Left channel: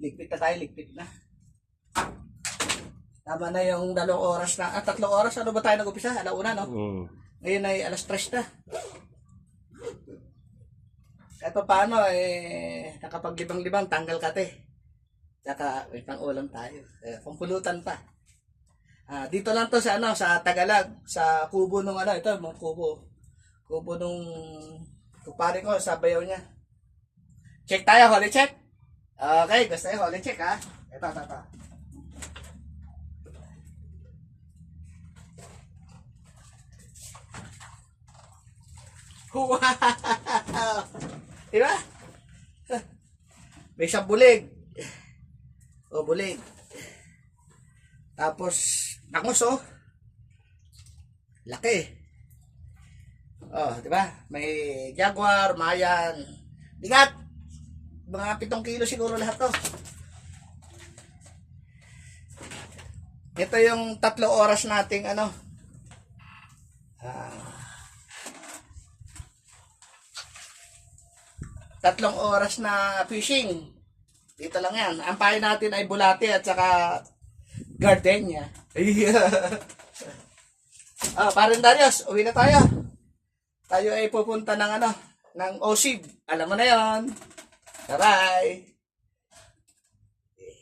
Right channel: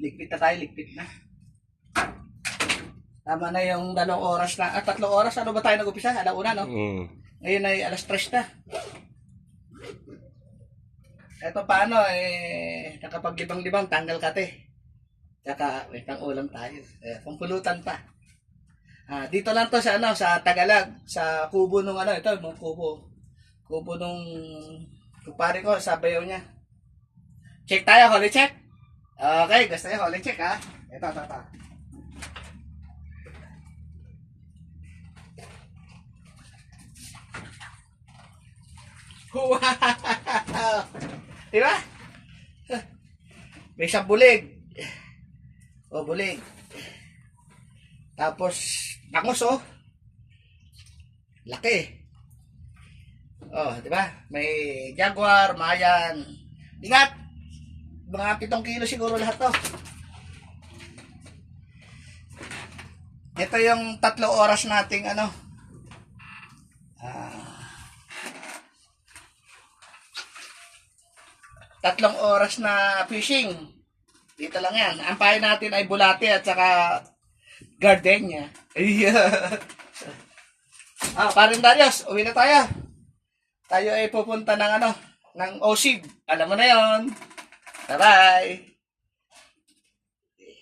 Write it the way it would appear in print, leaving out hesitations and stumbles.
Ligpit na tayo, ligpit na. Tama na yung 2 oras na. 3 oras, ano ba tayo nag-upisa? 1:00, no? Ngayon ay 3:00 na. Eto paano, nakapaglibang-libang, tanggal kate. Tsaka, may pang-ulam tayo. Pampulutan pa. Dito lang to sa, sa Tagalog, sa kubo nung ito, yung kubo. Kubo nung kupare ko, sa bayaw niya. Check tayo, holy check. Okay, gusto nyo, holy check ha. Ito. Wow! Diba? May isang bulig. Bulig. Tapos, bangus laki. Diba? May jaguar, mayan. Bigat. Mga 7 kilo siguro lahat to. Ito yung 3 oras nating 3 oras na fishing. Dito lang yan. Ang payo natin ay bulate at saka gardenia. Paring Darius, uwi na tayo. Tayo ay pupunta ng ng OSID. Alam mo na yon. Bye-bye.